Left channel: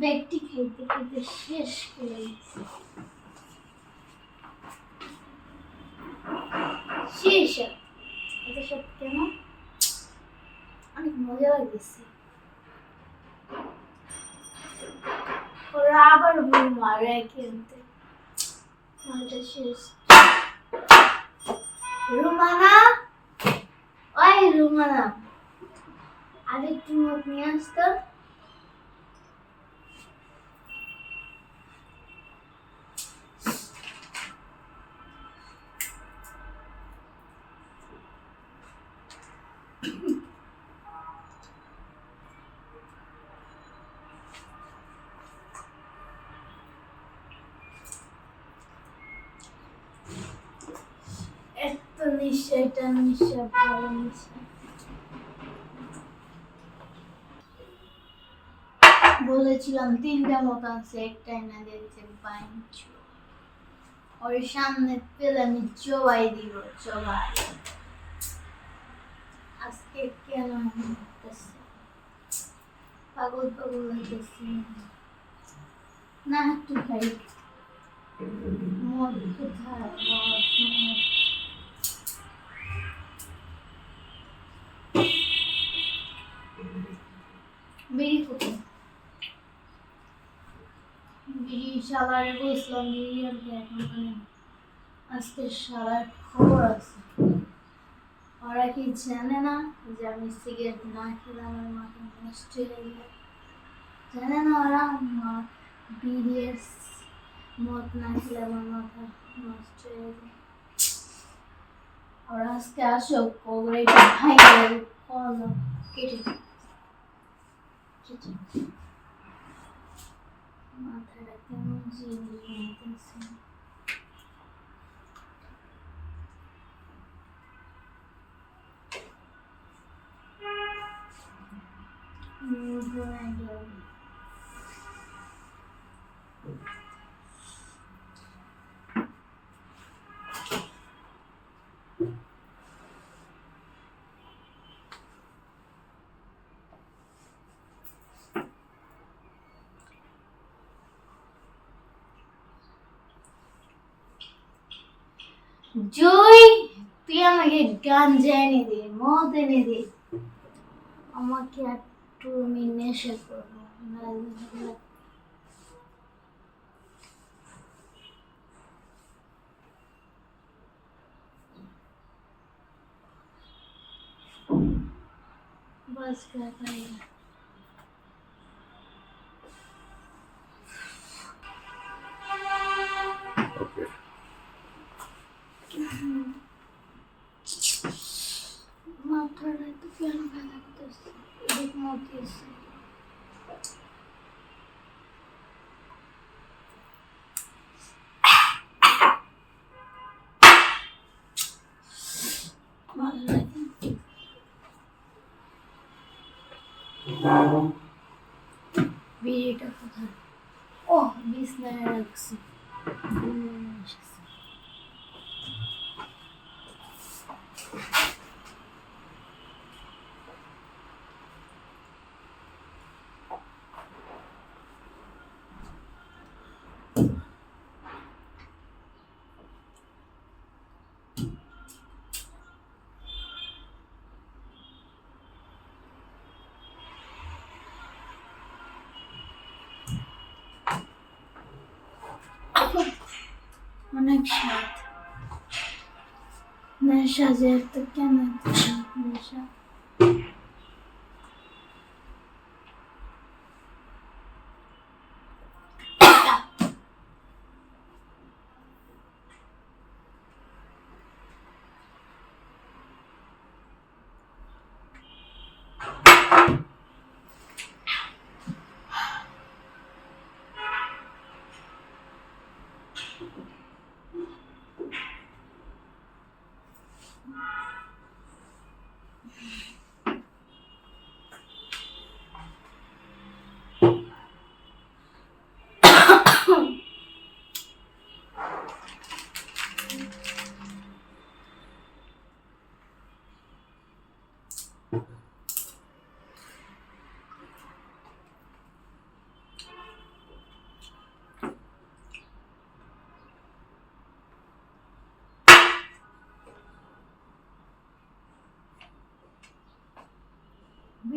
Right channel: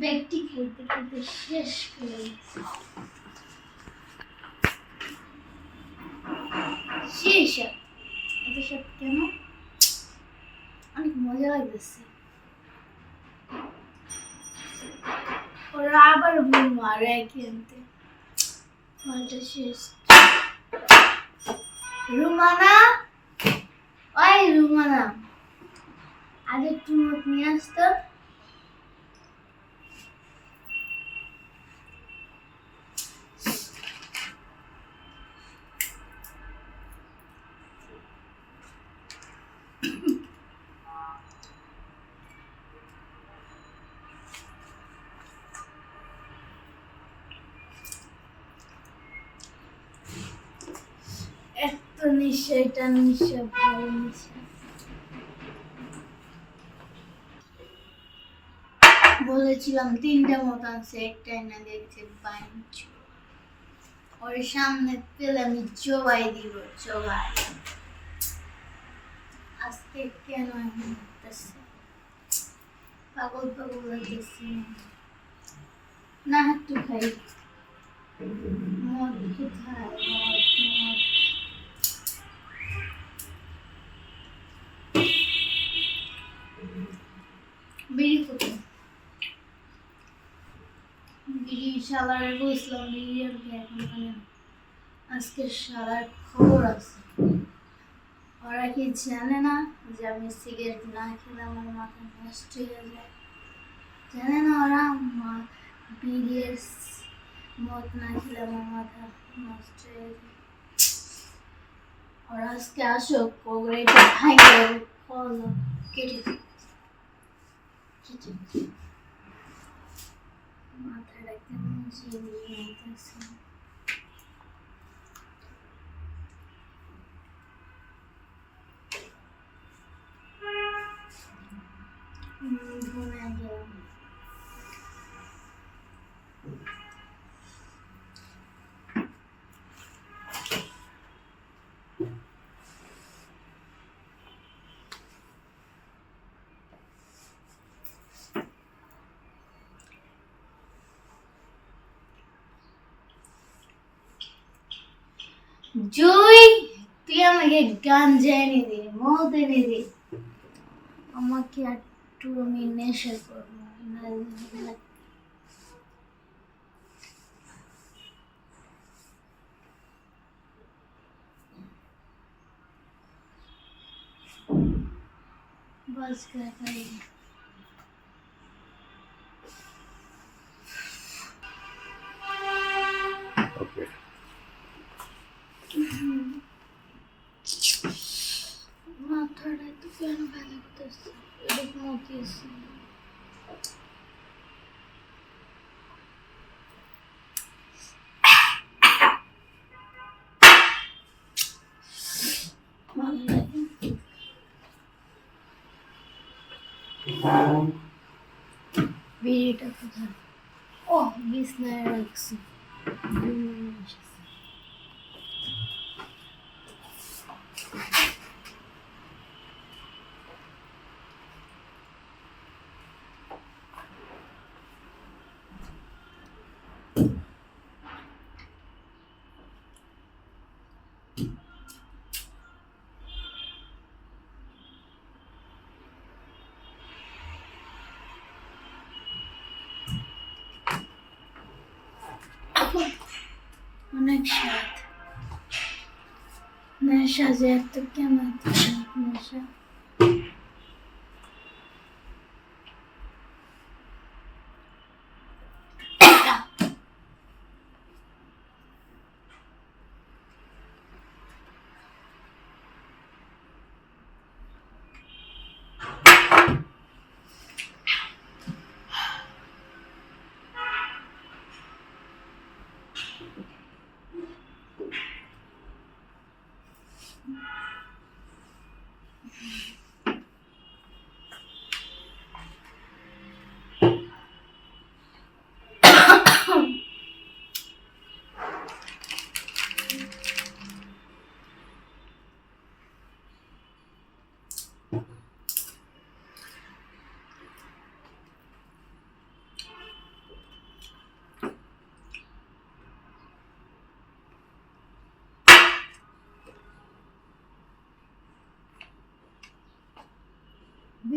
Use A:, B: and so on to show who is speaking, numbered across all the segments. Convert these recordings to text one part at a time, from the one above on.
A: ব্যক্তি খেতে খেতে শেষ করে এত সব কেন? অনেক মজা ওরা আবার ভুল মারে কিনতে মালটা শেষ। রুমানা? ওই রুমানা। আজ একটু মত নিয়ে আসতো। এত নিশা এটা নিশা ভালো বলেছিলাম, তিনটা মতো আছে একটাই না দেখছে পাঞ্চ ওর সামনে পেলে আমি চবাই দিব চবাই আজকে কেন করতেছে? পাগল পাগল লাগতেছে না, একটু খাই। মদ কোথায় মদ মদ। জানে না যে আমি সিগারেট না খেলে আমার মাথা নষ্ট হয়ে যায় জানে না ওরা মা- বিড়ি মদ না খেলে আমার মাথা নষ্ট হয়ে যায় ওরা আজকে আসো ওগুলো এটা কেটে Matar até um dia de alimentação. Não গেল জয় তুই আমাকে গাঞ্জা এনে দে মদ এনে দে আমাকে একটু আমি নেশা করবো না- बस कर молодец. Видите, как это? О, местная Рекса. Сейчас. অনেক স্বাদ। নেশা যে এত কেন নেশা।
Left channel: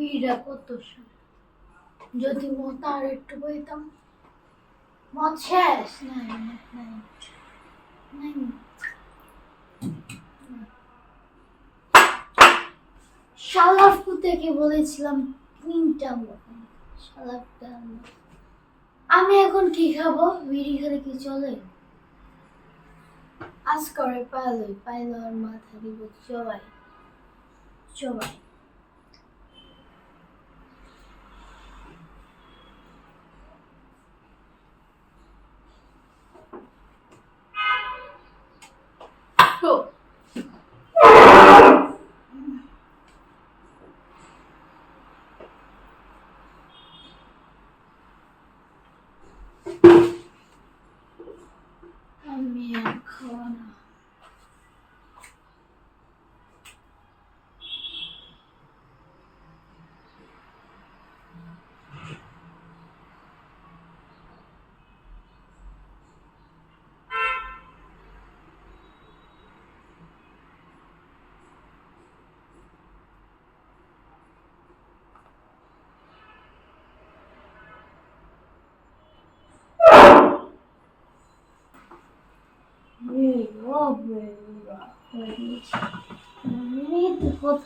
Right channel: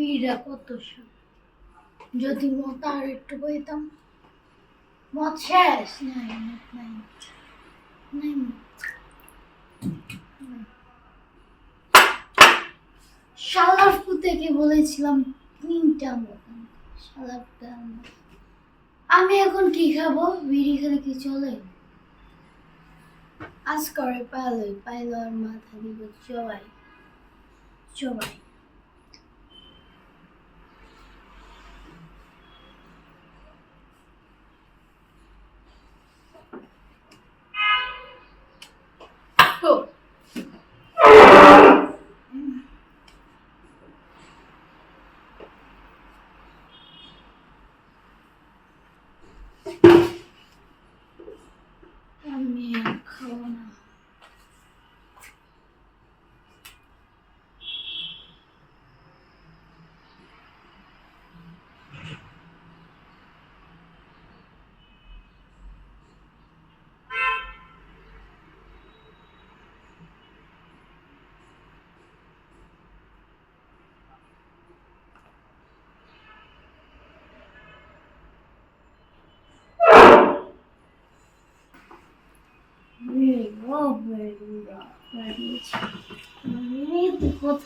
A: বিড়িটা কত যদি মত আর একটু বইতাম। মত শেষ? নাই নাই নাই। শালার পুতেকে বলেছিলাম তিনটা মতন শালারটা আমি এখন কি খাব? বিড়ি খেলে কি চলে? আজ করে পাইলই। পাইল আর মাথা দিব চবাই চবাই Oh. আমি আর খাব না বেরো বেরো বেরিয়েছি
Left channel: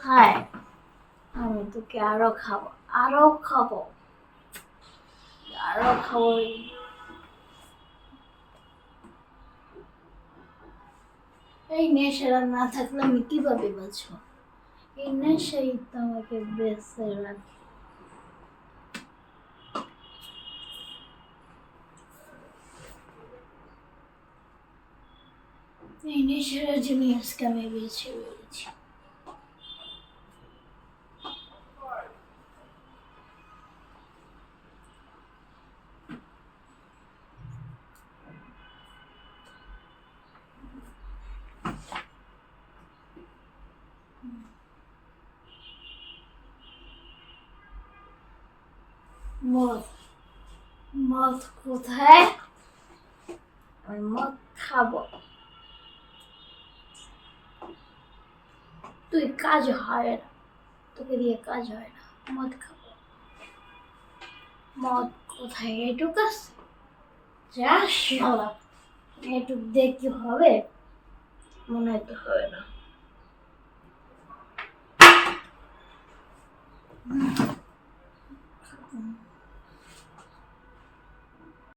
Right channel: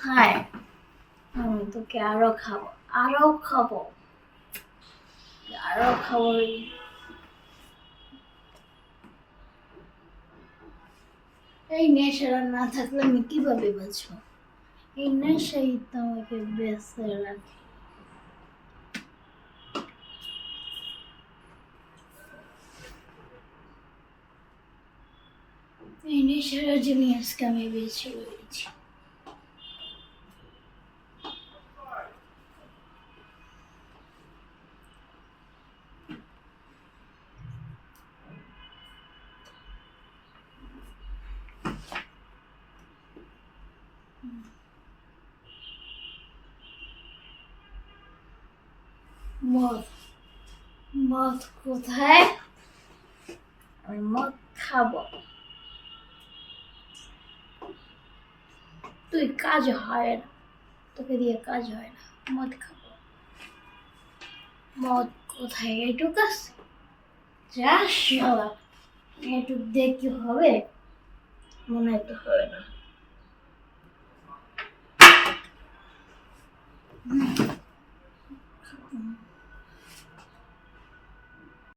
A: কোথায় আমি তোকে আরও খাব আরও খাব। আরও খাব। এই নেশাটা না থাকলে আমি কীভাবে বাঁচবো? এই নেশাই তো আমাকে বেঁচে রাখে। এই নেশার জন্য আজকে আমি বেছে রয়েছি। মদ। মদ কোথায়? আমি মদ খাব। তুই কাজ হয় না। তোকে দিয়ে কাজ হয় না। মদ খাব। মদ কোথায়? এটুক আছে। যা শালা। এটুক দিয়ে কি হবে? মনে তো হবে না।